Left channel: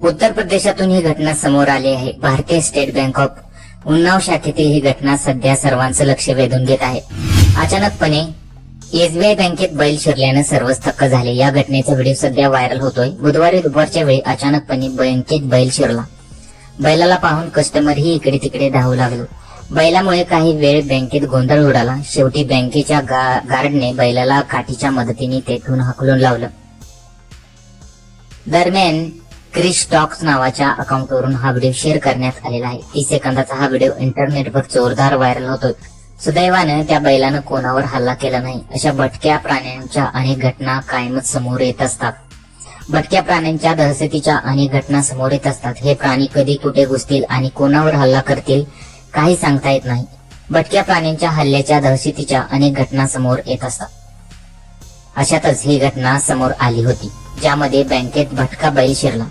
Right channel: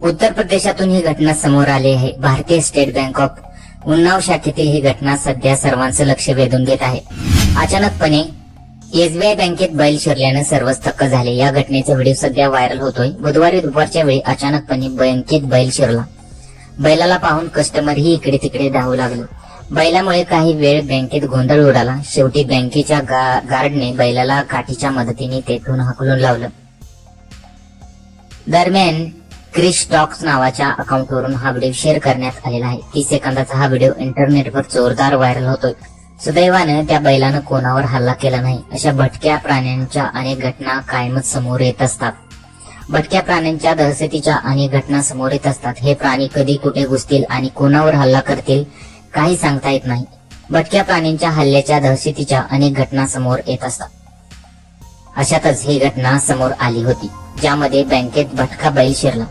उत्तर प्रदेशातून ही घटना समोर आली आहे। भारतीय स्टेट बँक ऑफ उन्नाव शाखेतील ही घटना सध्या सर्वांचं लक्ष वेधून घेत आहे। अचानकपणे एसबीआय बँकेत बैल शिरल्यानं सर्वच थक्क झाले। या घटनेचा व्हिडिओ सध्या व्हायरल होतोय। बुधवारी दुपारच्या वेळी अचानकपणे बँकेत बैल शिरला। बैलाला पाहून कस्टमरही इकडे तिकडे धावू लागले। बैलामुळे काही वेळ बँकेत गोंधळ उडाला। शेवटी बँकेच्या गार्डने बैलाला काठीच्या मदतीने तेथून हाकलून लावलं। दरम्यान क्रिश टॉक्स नावाच्या अकाउंटवरून हा व्हिडिओ शेअर करण्यात आलेला आहे। 30 सेकंदाचा हा व्हिडिओ इंटरनेटवर जोरदार व्हायरल होतोय। सुदैवानं त्या बैलानं कोणावर हल्ला केला नाही। अशा भटक्या प्राण्यांच्या अनेक घटना कायमच समोर येत असतात। भटक्या प्राण्यांच्या दहशतीच्या अनेक घटना समोर येत असतात। हे प्राणी कधी कुठे घुसतील आणि कोणावर हल्ला करतील काही सांगता येत नाही। भटक्या प्राण्यांच्या हल्ल्याच्या दहशतीच्या अनेक घटना समोर येत असतात। अशातच ही घटना समोर आली होती, ज्यामध्ये बँकेत भटका बैल शिरला।